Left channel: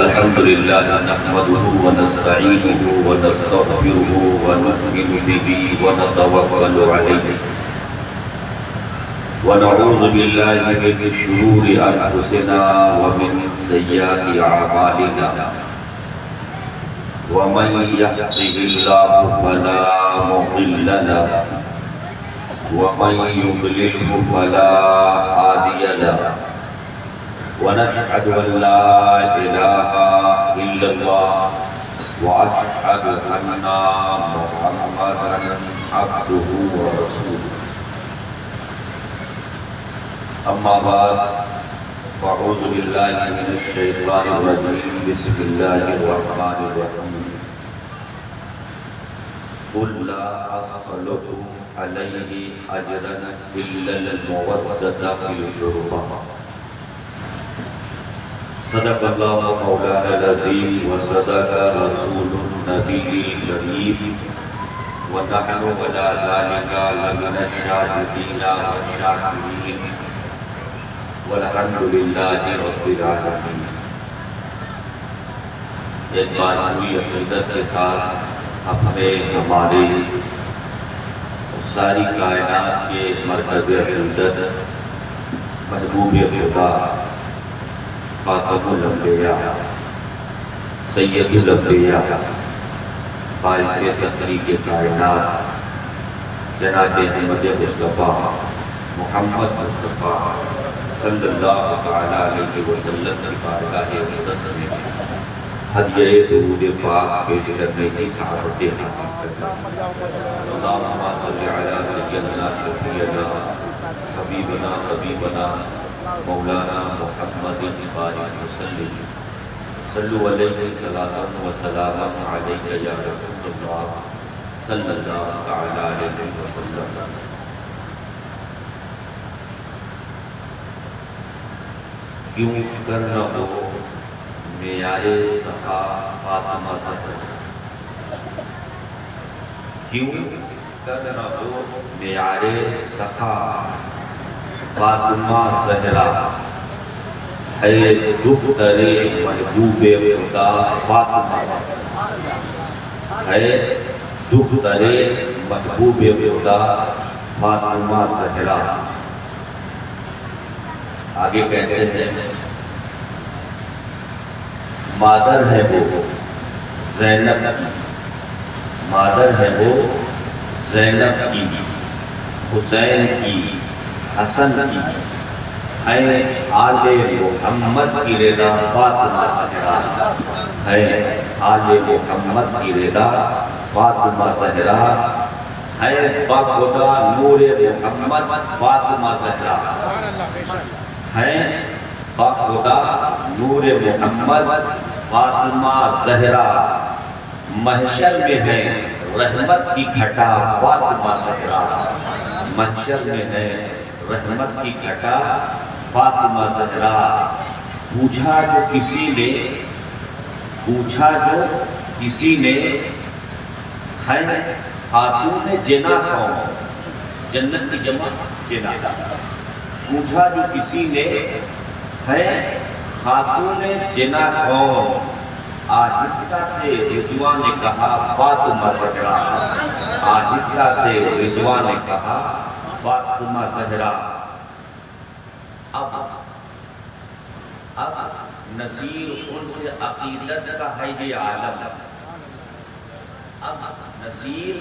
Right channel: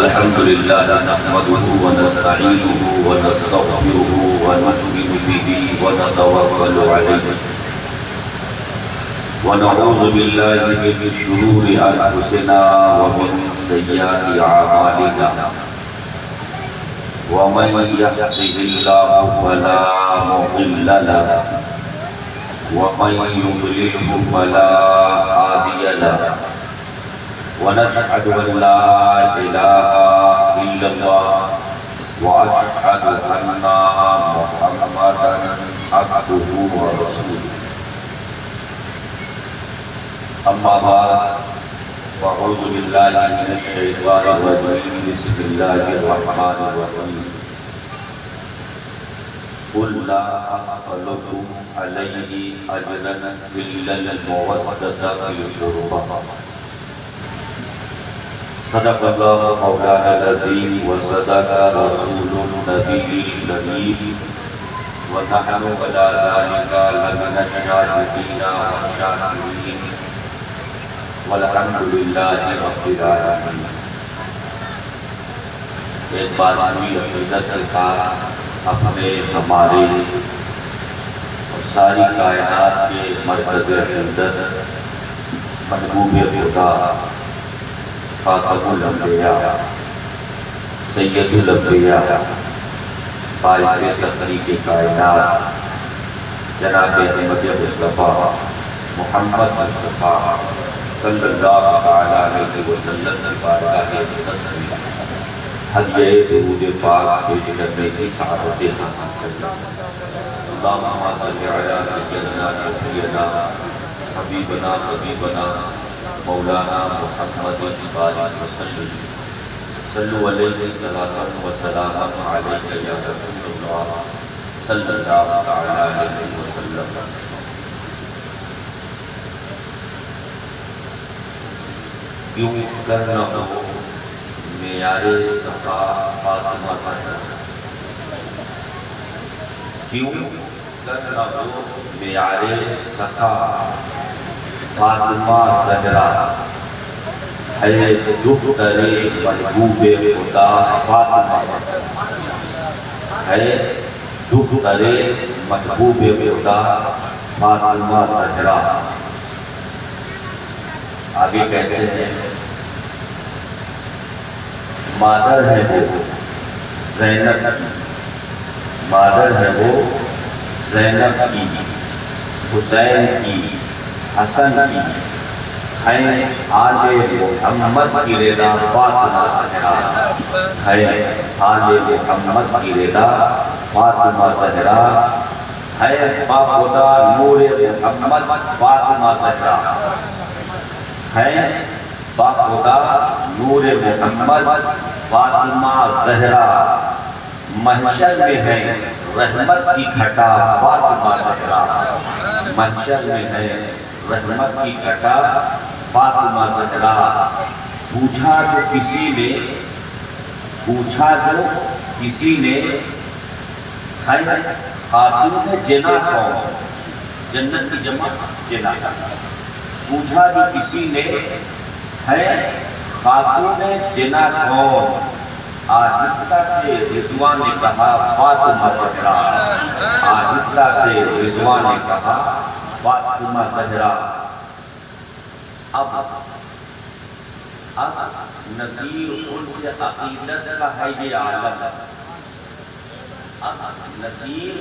الحمد لله نحمده ونستعينه ونستغفره ونؤمن به ونتوكل عليه ونعوذ بالله من شرور أنفسنا ومن سيئات أعمالنا ومن يهده الله فلا مضل له ومن يضلله فلا هادي له ونشهد أن لا إله إلا الله وأشهد أن محمدا عبده ورسوله أما بعد فأعوذ بالله من الشيطان الرجيم بسم الله الرحمن الرحيم قل لا أسألكم عليه أجرا إلا المودة في القربى صدق الله مولانا العظيم وصدق رسول النبي الكريم ونحن على ذلك لمن الشاهدين والشاكرين والحمد لله رب العالمين۔ ایک بار پوری عقیدت کے ساتھ ہمیں ہمارے ساری کائنات کے مرکز عقیدت محبوب خدا خاتم الانبیاء سید الانبیاء باعث تخلیق کائنات جناب احمد مصطفیٰ محمد مصطفیٰ صلی اللہ علیہ وسلم کی بارگاہ اقدس میں ہدیہ درود پاک پیش کرنے کی سعادت حاصل کرنا۔ اللہم صلی علی سیدنا شفیعنا حبیبنا طبیبنا مولانا محمد بارک وسلم صلو علیہ صلاۃ و سلام علیک یا رسول اللہ صلی اللہ علیہ وسلم۔ کیوں کرنا ہو معیار صفا فاطمہ زہرا، کیوں کرنا ہو معیار صفا فاطمہ زہرا، ہے دختر محبوب خدا فاطمہ، ہے دختر محبوب خدا فاطمہ زہرا۔ آگے کہتے ہیں مادر ہے وہ زینب کی، مادر ہے وہ زینب کی، حسین کی، حسن کی، ہے آل محمد کی رضا فاطمہ زہرا، ہے آل محمد کی رضا فاطمہ زہرا، ہے باخدا نور محمد فاطمہ زہرا، ہے باخدا نور محمد فاطمہ زہرا، محشر میں ہے رحمت کی گھٹا فاطمہ زہرا، محشر میں ہے رحمت کی گھٹا فاطمہ زہرا۔ پوچھا جو کسی نے ہے خاتون جنا کون، جنت کی جمع جنا، پوچھا جو کسی نے ہے خاتون جنا کون، آہستہ سے رضوان نے کہا فاطمہ زہرا، آہستہ سے رضوان نے کہا فاطمہ زہرا۔ اب نصیر ان سے عقیدت کا ہے یہ عالم، اب نصیر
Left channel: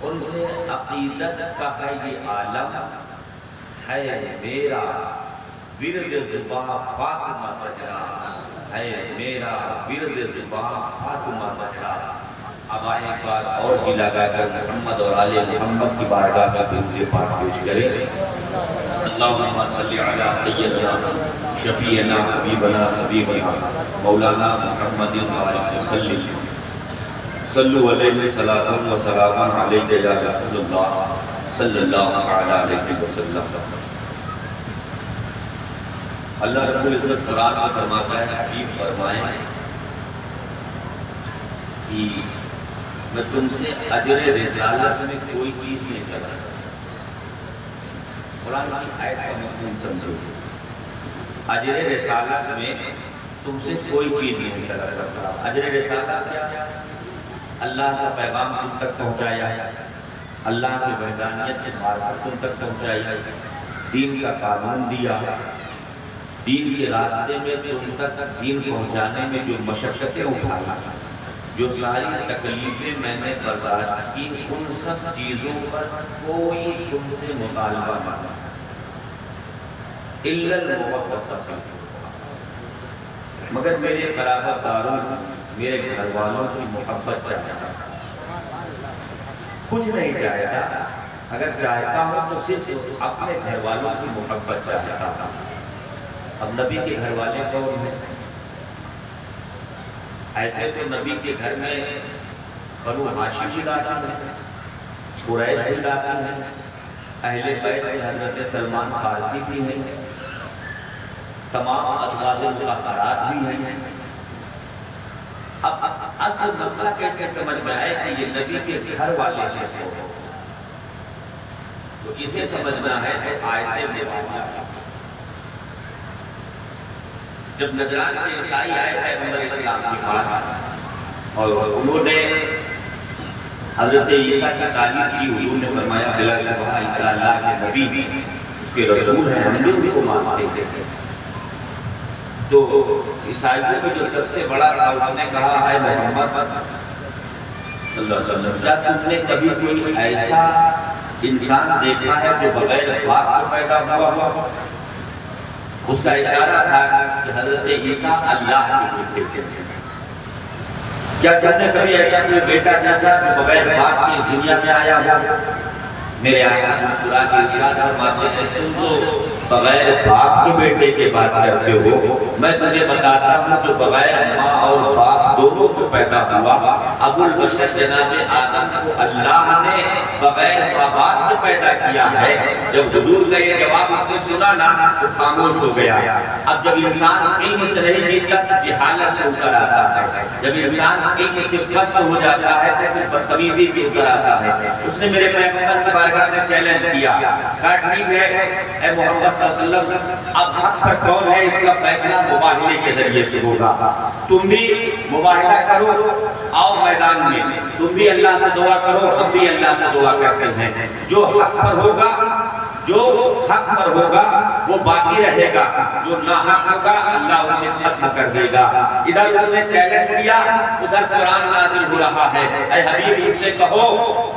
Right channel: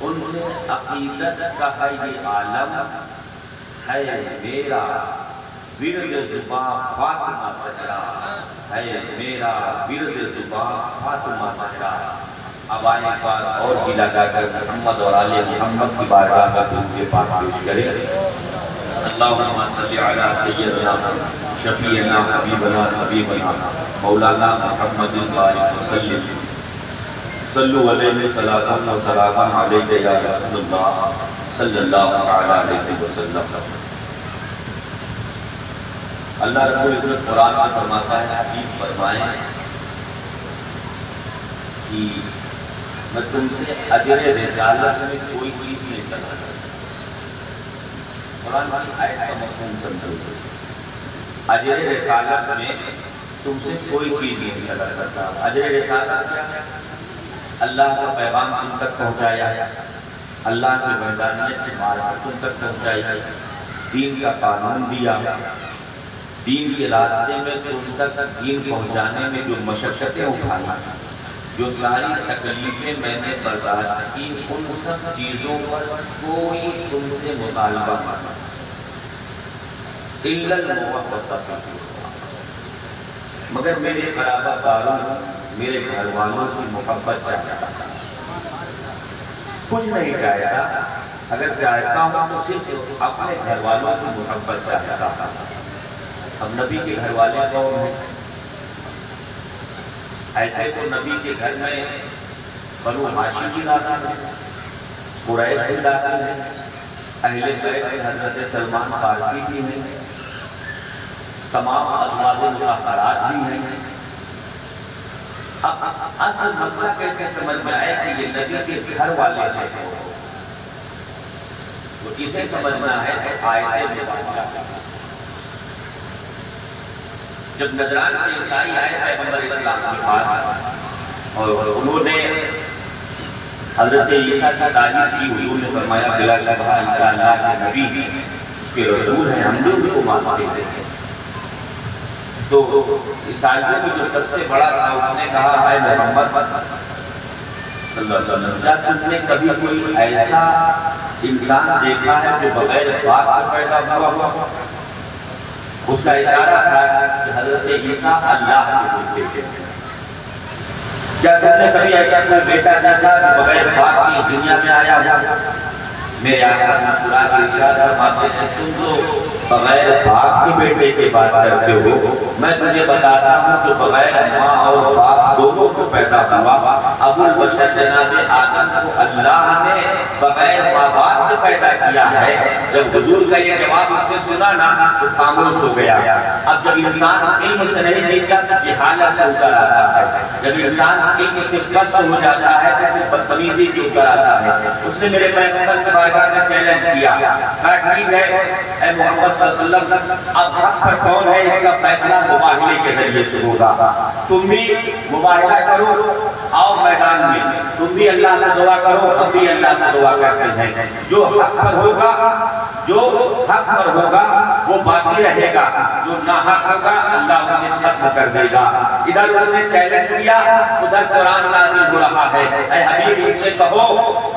ان سے عقیدت کا ہے یہ عالم، ہے میرا ورد زباں فاطمہ زہرا، ہے میرا ورد زباں فاطمہ زہرا۔ اب آئے ایک بار اور بھی لگا کر محمد اور آل محمد کی بارگاہ میں درود پاک پیش کریں۔ اللہم صلی علی سیدنا شفیعنا حبیبنا طبیبنا مولانا محمد بارک وسلم صلو علیہ صلاۃ و سلام علیک یا رسول اللہ صلی اللہ علیہ وسلم۔ اللہ رب العزت قرآن میں فرماتا ہے، حبیب فرمائیں کہ میں تم سے اجر رسالت میں کوئی چیز نہیں طلب کرتا۔ قرآن کی آیت کا مفہوم سمجھو، اجر رسالت میں تم سے کوئی چیز نہیں طلب کرتا. اجر رسالت کیا؟ اللہ کا پیغام تم تک پہنچایا، اللہ کی وحدانیت کی معرفت تم تک پہنچائی، دین کا قانون دیا، دین کے راستے میں تم تک دین پہنچانے میں جو مشقتیں اٹھائی، جو ساری تکلیفیں میں نے برداشت کی، ان سب چیزوں پر کوئی تم سے مطالبہ نہیں، الا المودۃ فی القربى، مگر میرے قرابت داروں، میرے گھر والوں کی محبت چاہتا، کچھ نہیں چاہتا. اگر چاہتا ہوں تو صرف اپنے گھر والوں کی محبت چاہتا. اب نبی کے گھر والے کون ہیں؟ ایسے تو نبی کے گھر میں بنو ہاشم بھی داخل ہیں، قریش بھی داخل ہیں، اہل بیت میں حضرت سلمان فارسی بھی ہیں، تمام ازواج مطہرات بھی ہیں. اب اصل مسئلہ کیسے سمجھ میں آئے کہ یہ نبی کے گھر والے ہیں؟ تو اسے سمجھنا ہے تو آیت مبارکہ. جب نجران کے عیسائی آئے پیغمبر اسلام کے پاس اور انہوں نے حضرت عیسیٰ کی تعریف کی، حضور نے فرمایا بلا شبہ عیسیٰ اللہ کے نبی، اس کے رسول ہیں، ہم بھی ان کو مانتے ہیں. تو عیسائیوں میں جو سب سے بڑا تھا اس نے کہا ہے محمد صلی اللہ علیہ وسلم، کیا تم نے کبھی کوئی ایسا انسان دیکھا ہے جو بغیر باپ کے پیدا ہوا؟ اس کا اشارہ تھا کہ حضرت عیسیٰ اللہ کے بیٹے تھے. کیا تم نے کبھی ایسا کوئی بیٹا دیکھا جو بغیر باپ کی دنیا میں آیا ہوا؟ میرے آقا مسکرا کے ارشاد فرماتے ہیں تم تو بغیر باپ کے بیٹے کی بات کرتے ہو، میں تمہیں بتاتا ہوں جو بغیر ماں اور باپ دونوں کو پیدا ہوا، ابو البشر جناب آدم کو اللہ نے بغیر ماں باپ کے پیدا کیا ہے. جب حضور کا یہ جواب اس نے سنا نا تو خاموش ہو گیا. اب جب انسان علم سے نہیں جیتا تو جہالت میں اتر آتا ہے، جب انسان علم سے کشف ہو جاتا ہے تو پھر بدتمیزی کے اتر آتا ہے. اس نے میرے پیغمبر کے بارگاہ میں چیلنج کیا، کہا ٹھیک ہے اے محمد صلی اللہ علیہ وسلم، اب حق پر کون ہے اس کا فیصلہ مباہلے کے ذریعے سے ہوگا. تم بھی مباہلہ کرو، آؤ میدان میں، تم بھی اللہ سے دعا کرو، ہم بھی اللہ سے دعا کرتے ہیں. جو حق پر ہوگا، جو حق پر ہوگا وہ باقی رہے گا، جو ناحق ہوگا اللہ اسے ختم کر دے گا. ادھر اس نے چیلنج کیا، ادھر قرآن نازل ہو رہا ہے. اے حبیب ان سے کہو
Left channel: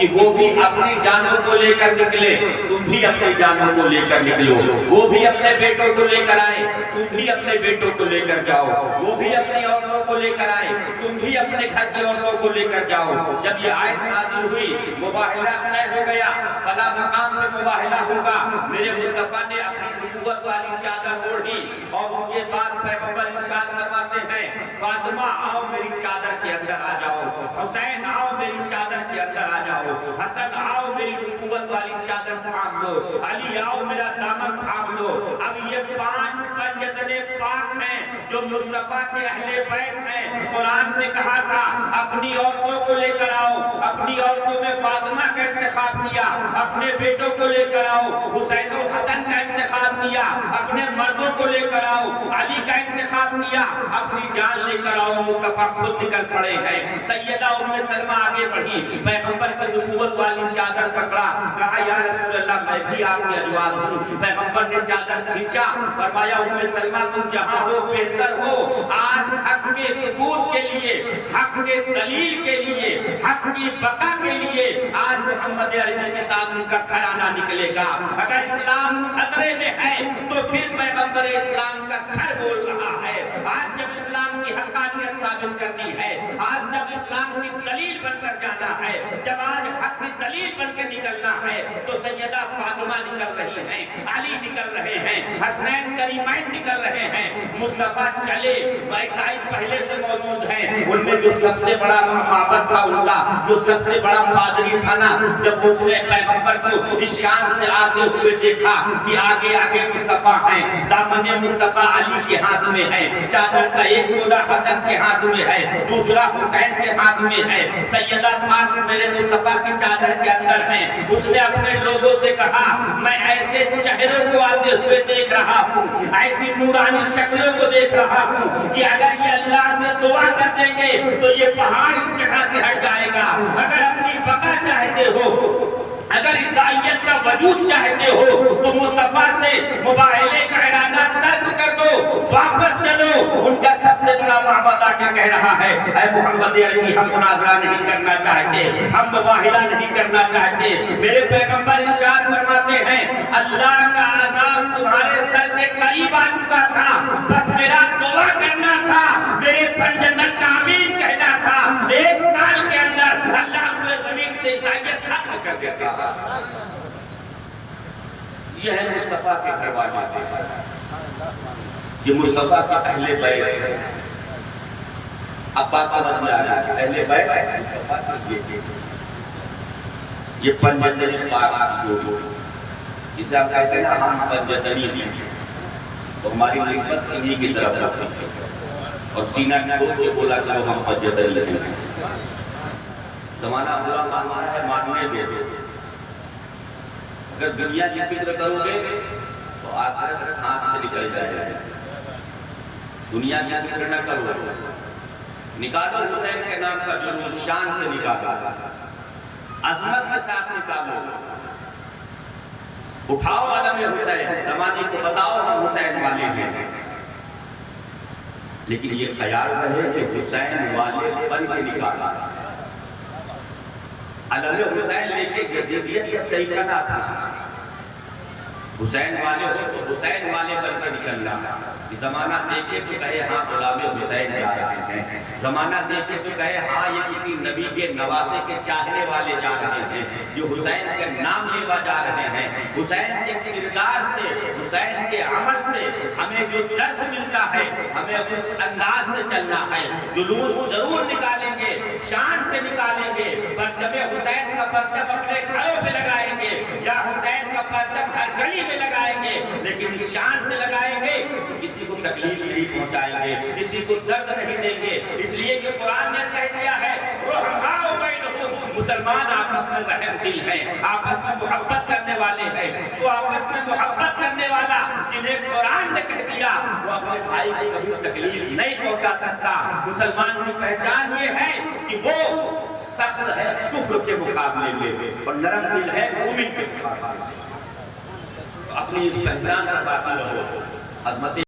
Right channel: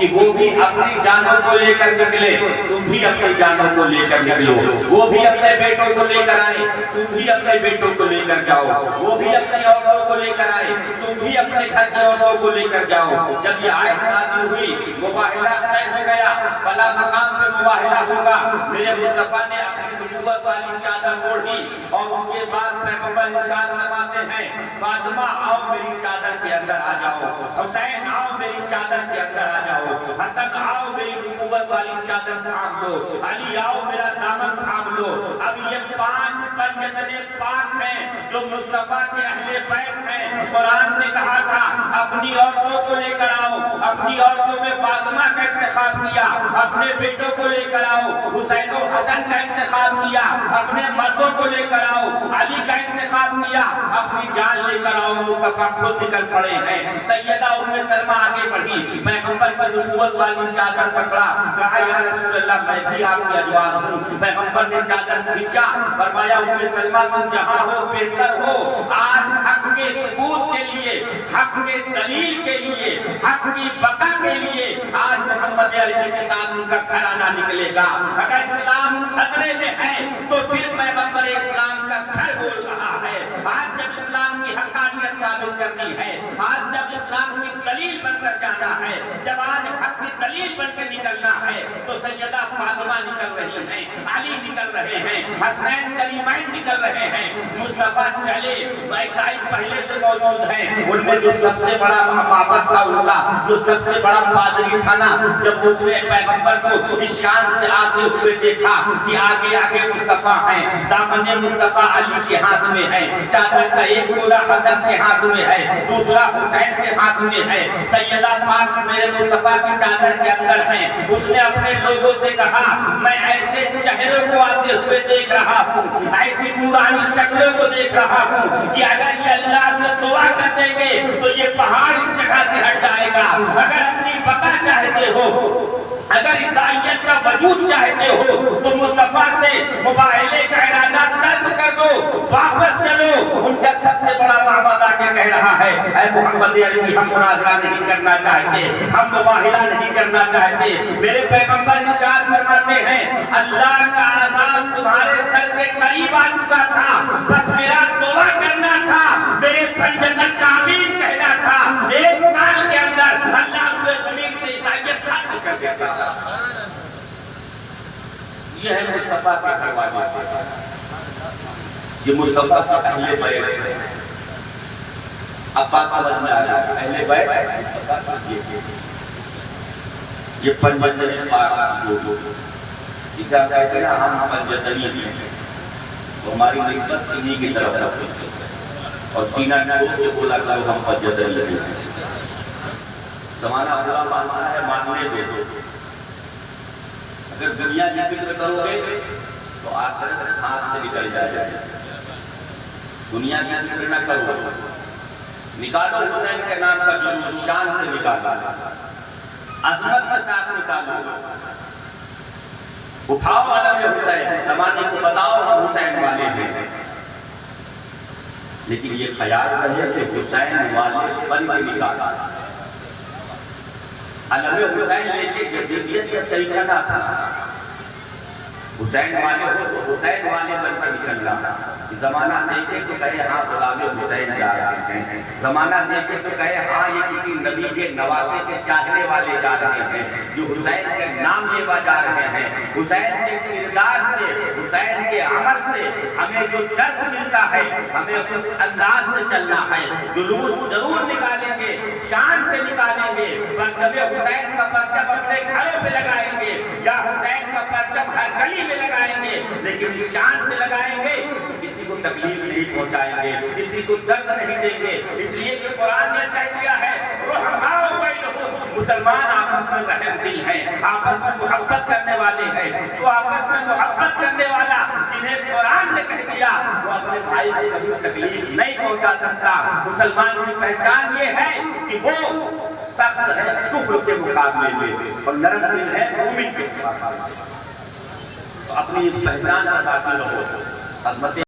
کہ وہ بھی اپنی جانوں کو لے کر نکلے، تم بھی اپنی جانوں کو لے کر نکلو. وہ بھی اپنے بیٹوں کو لے کر آئے، تم بھی اپنے بیٹوں کو لے کر جاؤ. وہ بھی اپنی عورتوں کو لے کر آئے، تم بھی اپنے گھر کی عورتوں کو لے کر جاؤ. جب یہ آیت نازل ہوئی مباہلہ طے ہو گیا، فلاں مقام پہ مباہلہ ہوگا. میرے مصطفیٰ نے اپنی نبوت والی چادر اوڑھی اور اس کے بعد پیغمبر ارشاد فرماتے ہیں فاطمہ آؤ میری چادر کے اندر آ جاؤ، حسین آؤ میری چادر کے اندر آ جاؤ، حسن آؤ میری نبوت والی چادر تھام لو، علی آؤ میرا دامن تھام لو. اب یہ 5 پنجتنے پاک ہیں جو مصطفیٰ کے اہل بیت ہیں. قرآن نے کہا تھا اپنی عورتوں کو لے کر آؤ، اپنی عورتوں میں فاطمہ کا انتخاب کیا، اپنے بیٹوں کو لے کر آؤ، حسین و حسن کا انتخاب کیا، اپنے مردوں کو لے کر آؤ، علی کا انتخاب کیا، اپنی جان لے کر آؤ. مصطفیٰ خود نکل پڑے ہیں. سیدہ ام سلمہ آگے بڑھی، پیغمبر کی نبوت والی چادر پکڑا، کہا یا رسول اللہ میں بھی آپ کی ازواج ہوں. پیغمبر نے چادر کھینچا، فرمایا ام سلمہ تم جہاں ہو بہتر ہو. آج حق کے ثبوت کے لیے، حق کے دلیل کے لیے، حق کی بقا کے لیے آج محمد عربی کے ساتھ ان کا گھرانہ نکلے گا. اگر اسلام خطرے میں ہے تو پھر پیغمبر اسلام کا گھر بول رہا ہے. آج جب اسلام کی حقانیت ثابت کرنی ہے، آج جب اسلام کی دلیل بن کر جانا ہے، جب آج حق کی دلیل بن کر نکلنا ہے تو سیدہ فاطمہ نکل رہی ہیں، علی نکل رہے ہیں، حسنین کریمین نکل رہے ہیں. مصطفیٰ چلے، عیسائی پہلے سے موجود ہیں. ان میں جو سب سے بڑا معبد تھا ان کا، جو سب سے بڑا پادری تھا نا، جب اس نے پیغمبر کو اس شان سے آتے ہوئے دیکھا کہ آگے آگے مصطفیٰ ہیں، دامن مصطفیٰ علی کے ہاتھ میں ہے، چادر کا ایک کونا حسن کے ہاتھ میں ہے، دوسرا حسین کے ہاتھ میں ہے. سیدہ پاک میرے مصطفیٰ کی چادر کے اندر ہے. اس نے اپنے لوگوں سے کہا میں ایسے چہرے کو آتے ہوئے دیکھ رہا ہوں, ایسی نورانی شکلوں کو دیکھ رہا ہوں کہ اگر یہ اللہ سے دعا کر دیں گے تو یہ پہاڑ اس جگہ سے ہٹ جائے گا. اگر اپنی بقا چاہتے ہو, اگر عیسائیت کا وجود چاہتے ہو تو مصطفیٰ سے مباہلے کا ارادہ ترک کر دو, واپس چلو. ان کا سب سے بڑا معبد آ کے کہہ رہا ہے اے محمد عربی ہم مناظرہ نہیں کرنا چاہتے, ہم مباہلہ نہیں کرنا چاہتے. میرے پیغمبر ارشاد فرماتے ہیں اللہ کا عذاب تمہارے سر کے قریب آ چکا تھا, بس میرا دعا کرنا تھا, میرے پنجتن کا آمین کہنا تھا. 1 سال کے اندر اللہ روئے زمین سے عیسائیت ختم کر دیتا تھا. یہ ہے مصطفیٰ کے گھر والے, یہ مصطفیٰ کا اہل بیت ہے. اب بات سمجھ میں آ رہا ہے, اہل بیت یہ پنجتنی پاک لوگ جسے آپ کہتے ہیں نا ہم پنجتنی ہیں, تو ہماری نسبت انہی کی طرف رکھتے ہیں اور سینہ ٹوٹ کے بولا کرو ہم پنجتنی ہیں. زمانہ برا ماننا ہے, ماننے دو. اگر دنیا کی فکر کرو گے تو آخرت ہاتھ سے نکل جائے گا. دنیا کی فکر نہ کرو, نکالو حسین کے نام کا جلوس, شان سے نکالو, عظمت کے ساتھ نکالو, اٹھاؤ علم حسین, زمانے کو بتاؤ ہم حسین والے ہیں. لیکن یہ خیال رہے کہ حسین والے بن کے نکالا. علم حسین لے کے یزیدیت کا طریقہ نہ تھا. حسین والے ہو تو حسین والے بن کر نکلنا. زمانہ دیکھے تو کہے ہاں غلام حسین جا رہے ہیں, زمانہ دیکھے تو کہے ہاں یہ کسی نبی کے نواسے کے چاہنے والے جا رہے ہیں, جو حسین کے نام لیوا جا رہے ہیں. حسین کے کردار سے, حسین کے عمل سے ہمیں جو درس ملتا ہے, ہمیں اس انداز سے چلنا ہے. جلوس ضرور نکالیں گے, شان سے نکالیں گے, پرچم حسین کا پرچم اپنے گھروں پہ لگائیں گے یا حسین کا پرچم ہر گلی میں لگائیں گے, لیکن اس شان سے لگائیں گے تو کسی کو تکلیف نہیں پہنچائیں گے, کسی کو درد نہیں دیں گے. اس لیے کہ قرآن نے کہہ دیا ہے رحماء بینہم, مسلمان آپس میں رحم دل ہیں, آپس میں محبت کرنے والے ہیں. تو آپس میں محبت کرنے والا جنہیں قرآن نے کہہ دیا وہ اپنے بھائی کو کبھی تکلیف نہیں پہنچا سکتا. مسلمان کی پہچان یہ ہے کہ وہ سخت ہے کفر کے مقابلے میں اور نرم دل ہے مومن کے مقابلے میں. اپنی اس پہچان پر باقی رہو. عظمت